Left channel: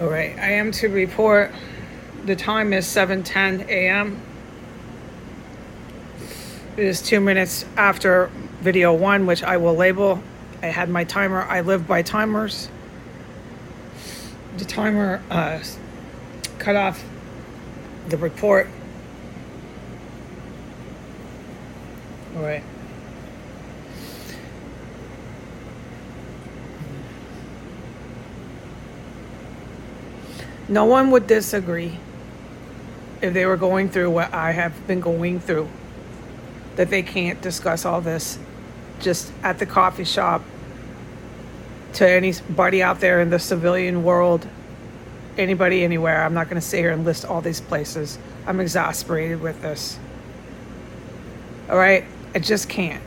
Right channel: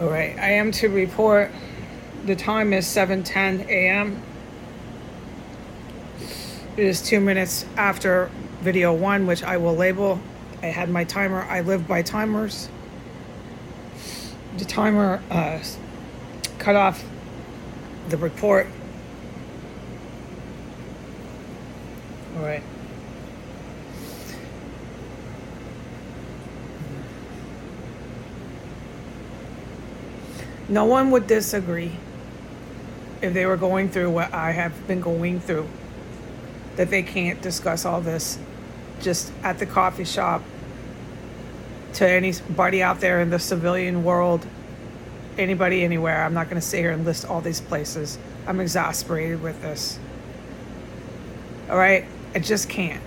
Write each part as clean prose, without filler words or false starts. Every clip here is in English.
All right, I am to report the time is 7:10 a.m. It is 2 minutes after video 1, which I will label. I had my timer. I live by timers. The timer cut off the report. All right. No one would disagree if they were going through what I have been going through, that they can't discuss all this just at the coffee shop to anybody out there in the civilian world, anybody, anywhere. I'm not going to sit here and list all these places. I'm exasperated with this. All right? I just can't.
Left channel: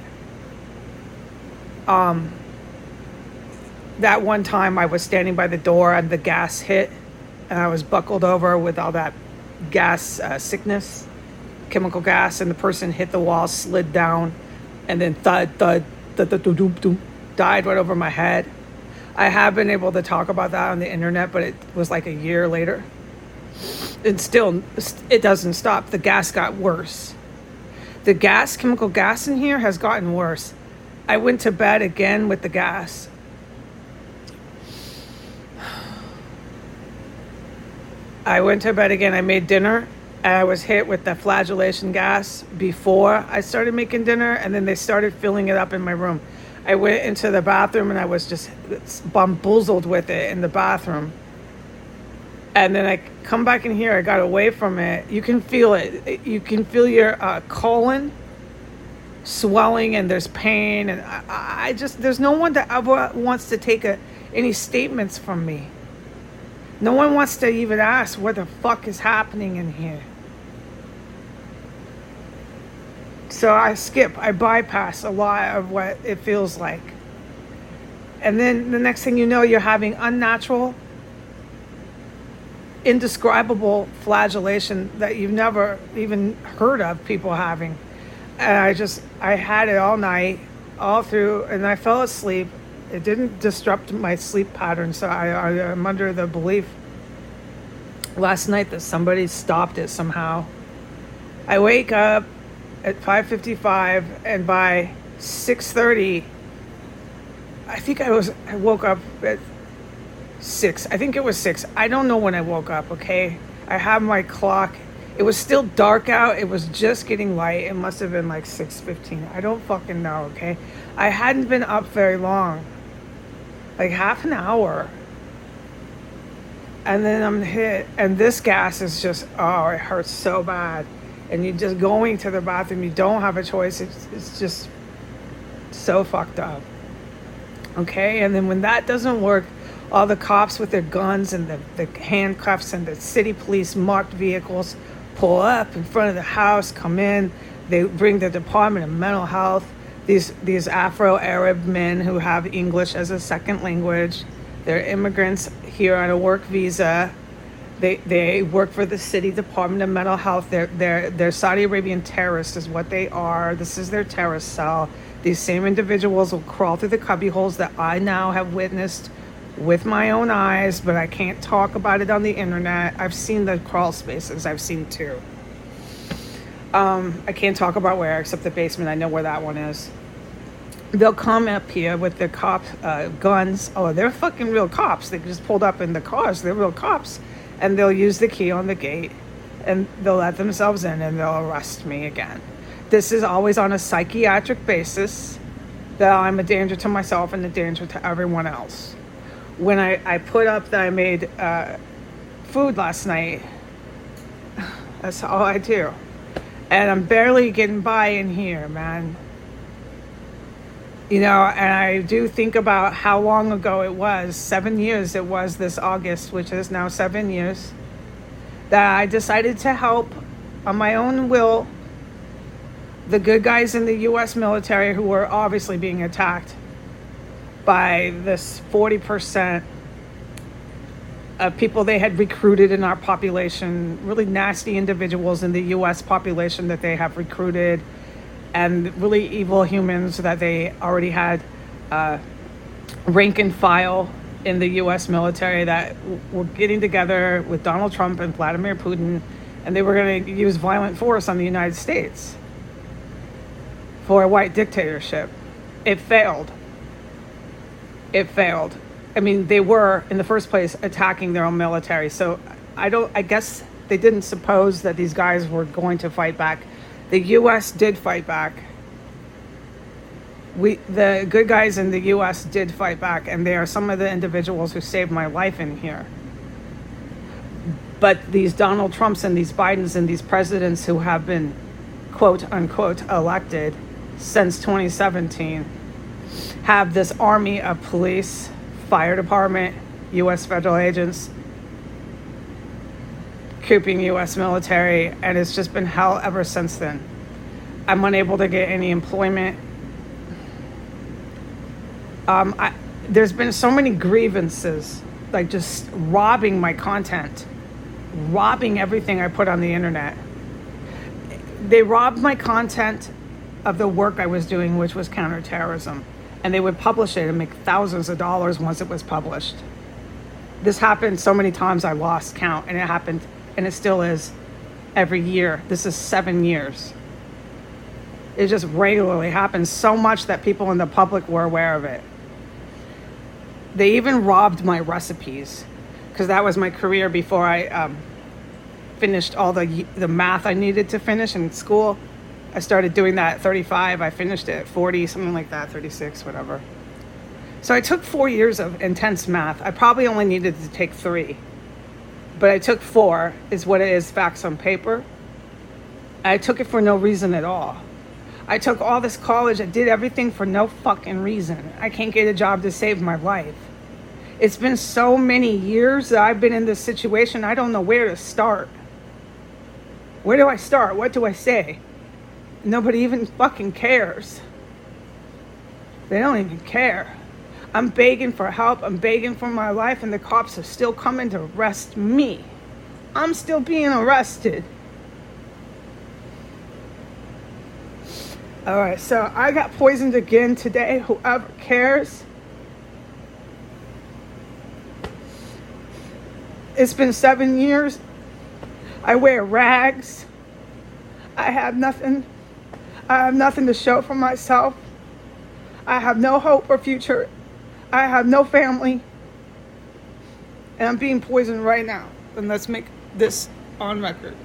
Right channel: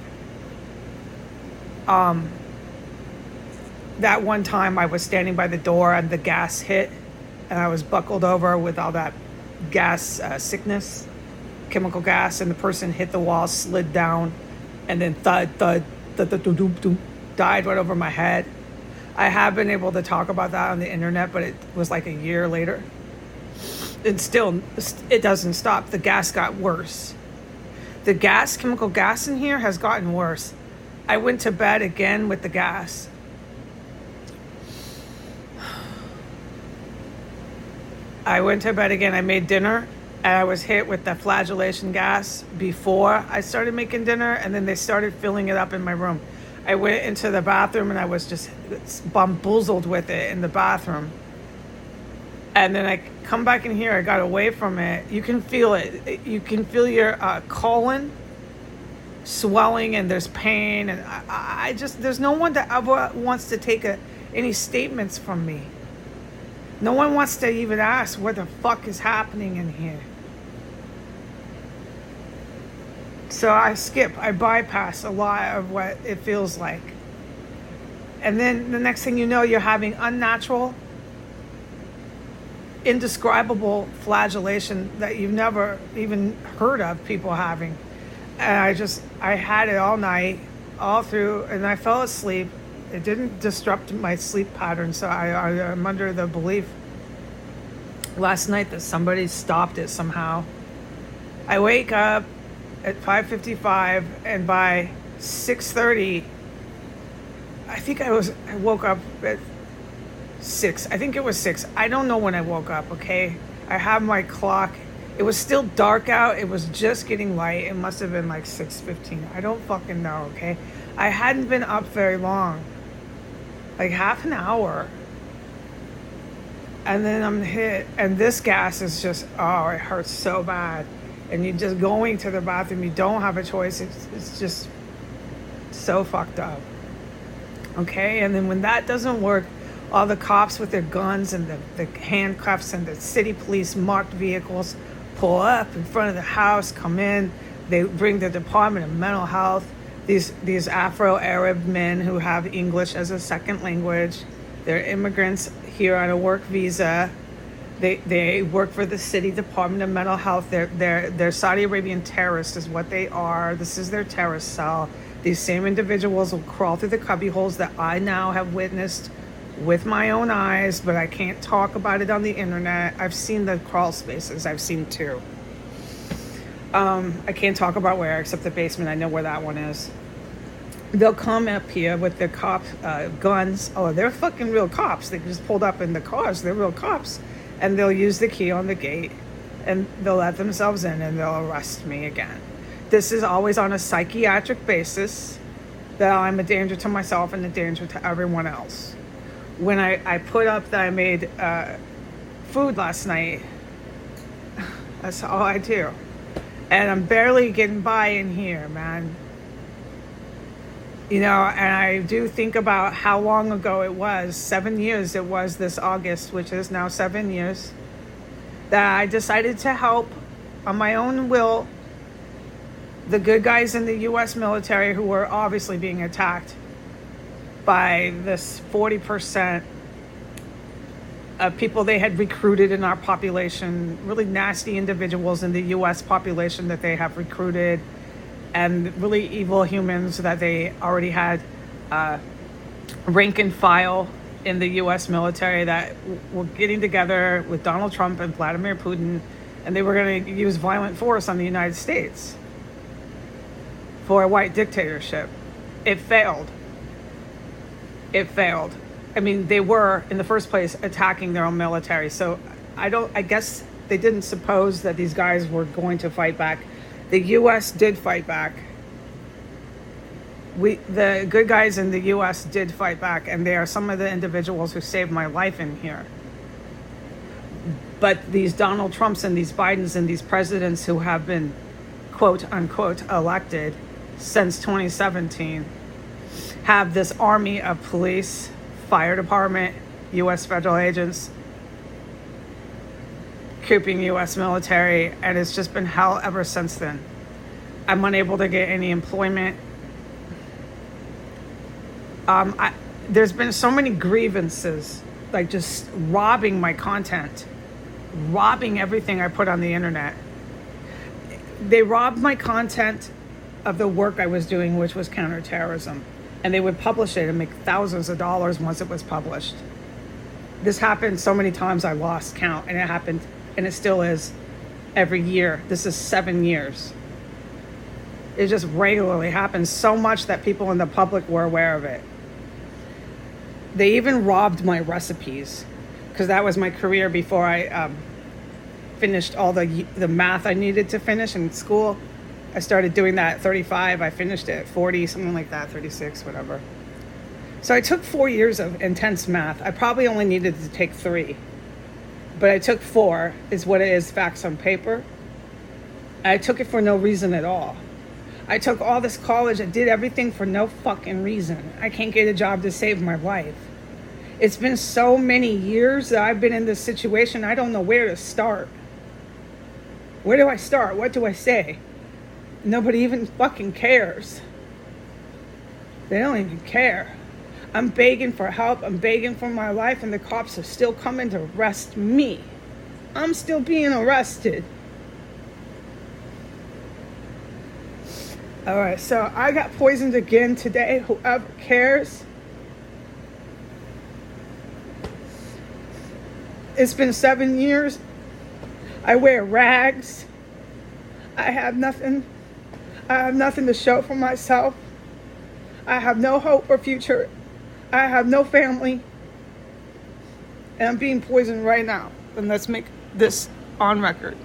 That one time I was standing by the door and the gas hit, and I was buckled over with all that gas sickness, chemical gas, and the person hit the wall, slid down, and then thud, thud, thud, thud, thud, thud, thud, died right over my head. I have been able to talk about that on the internet, but it was like a year later. And still, it doesn't stop. The gas got worse. The gas, chemical gas in here has gotten worse. I went to bed again with the gas. I went to bed again. I made dinner, and I was hit with the flagellation gas before I started making dinner, and then they started filling it up in my room. I went into the bathroom, and I was just bamboozled with it in the bathroom. And then I come back in here. I got away from it. You can feel it. You can feel your colon swelling, and there's pain. And I just, there's no one that ever wants to take any statements from me. No one wants to even ask what the fuck is happening in here. So I bypass a lot of what it feels like. And then the next thing you know, you're having unnatural, indescribable flagellation that you've never even heard of people having. And I had it all night, all through, and I fell asleep. It didn't disrupt my sleep pattern, so I'm under the belief last night that somebody stopped it somehow. I wake up at 5:55, and by 6:30, I woke up at 6. I think it was 6. I don't know when I woke up, okay? I have my clock. It was still dark out. It was just getting light. It must have been like 6:15. I don't fucking know, okay? I hadn't been up very long. Like half an hour. And then I'm hit, and this gas is just, oh, it hurts so bad. And you're just going to the bathroom. You don't have a choice. It's just so fucked up. Okay? And then when that doesn't work, all the cops with their guns and the handcuffs and the city police marked vehicles pull up in front of the house, come in. They bring the Department of Mental Health, these Afro-Arab men who have English as a second language. They're immigrants here on a work visa. They work for the city Department of Mental Health. They're Saudi Arabian terrorists is what they are. This is their terrorist cell. These same individuals will crawl through the cubby holes that I now have witnessed with my own eyes, but I can't talk about it on the internet. I've seen the crawl spaces. I've seen 2. I can't talk about where, except the basement. I know where that one is. They'll come up here with their cop guns. Oh, they're fucking real cops. They just pulled up in the cars. They're real cops. And they'll use the key on the gate, and they'll let themselves in, and they'll arrest me again. This is always on a psychiatric basis, that I'm a danger to myself and a danger to everyone else. When I put up that I made food last night, that's all I do. And I'm barely getting by in here, man. You know, and I do think about how long ago it was, 7 years it was this August, which is now 7 years, that I decided to help on my own will the good guys in the U.S. military who were obviously being attacked by this 40% of people they had recruited in our population, really nasty individuals in the U.S. population that they have recruited, and really evil humans that they already had rank and file in the U.S. military that were getting together with Donald Trump and Vladimir Putin, and they were going to use violent force on the United States for a white dictatorship. It failed. It failed. I mean, they were, in the first place, attacking their own military. So I guess they didn't suppose that these guys were going to fight back. The U.S. did fight back. The good guys in the U.S. did fight back, and they are some of the individuals who saved my life in here. But these Donald Trumps and these Bidens and these presidents who have been, quote unquote, elected since 2017 have this army of police, fire department, U.S. federal agents, cooping U.S. military, and it's just been hell ever since then. I'm unable to get any employment. There's been so many grievances, like just robbing my content, robbing everything I put on the internet. They robbed my content of the work I was doing, which was counterterrorism. And they would publish it and make thousands of dollars once it was published. This happened so many times I lost count, and it happened, and it still is, every year. This is 7 years. It just regularly happens so much that people in the public were aware of it. They even robbed my recipes, because that was my career before I finished all the math I needed to finish in school. I started doing that at 35. I finished it at 40, something like that, 36, whatever. So I took 4 years of intense math. I probably only needed to take 3. But I took 4, is what it is, facts on paper. I took it for no reason at all. I took all this college. I did everything for no fucking reason. I can't get a job to save my life. It's been so many years that I've been in this situation, I don't know where to start. Where do I start? What do I say? Nobody even fucking cares. They don't even care. I'm begging for help. I'm begging for my life, and the cops are still coming to arrest me. I'm still being arrested. All right, so I got poisoned again today. Whoever cares. It's been 7 years. I wear rags. I have nothing. I have nothing to show for myself. I have no hope or future. I have no family. And I'm being poisoned right now. And let's make this on record.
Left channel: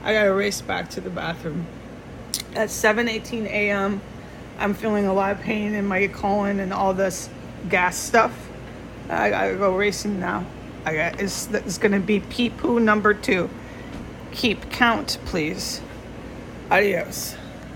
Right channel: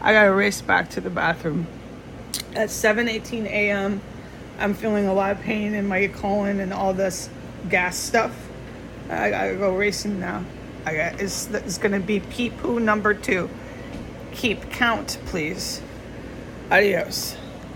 I gotta race back to the bathroom. At 7:18 a.m., I'm feeling a lot of pain in my colon and all this gas stuff. I gotta go racing now. It's gonna be pee-poo number 2. Keep count, please. Adios.